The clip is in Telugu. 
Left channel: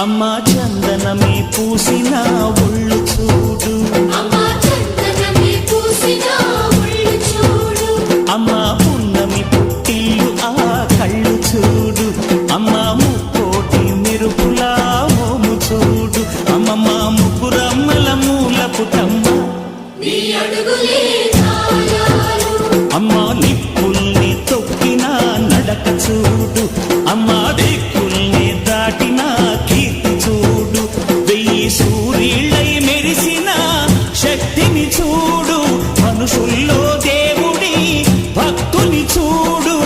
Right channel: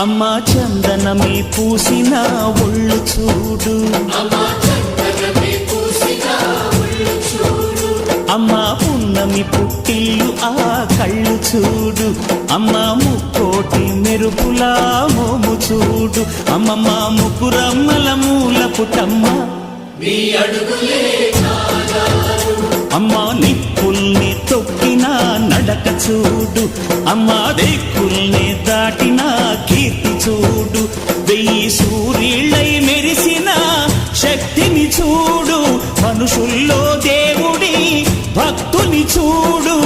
అమ్మా చందనమే పూసిన ఒళ్ళు చూడు, అమ్మా పున్నమి పుట్టిల్లు ఆ కళ్ళు చూడు, అమ్మా ముక్కోటి మెరుపులా మోము చూడు, అమ్మమ్మ ముగ్గురమ్మల మూల పుటమ్మ అమ్మా నిప్పుల్ని తొక్కిన నడక చూడు, అమ్మా దిక్కుల్ని దాటిన కీర్తి చూడు, 1000 సూర్యుళ్ళై మెరిసిన శక్తిని చూడు, మనుషుల్లో దేవుడి భక్తుని చూడు.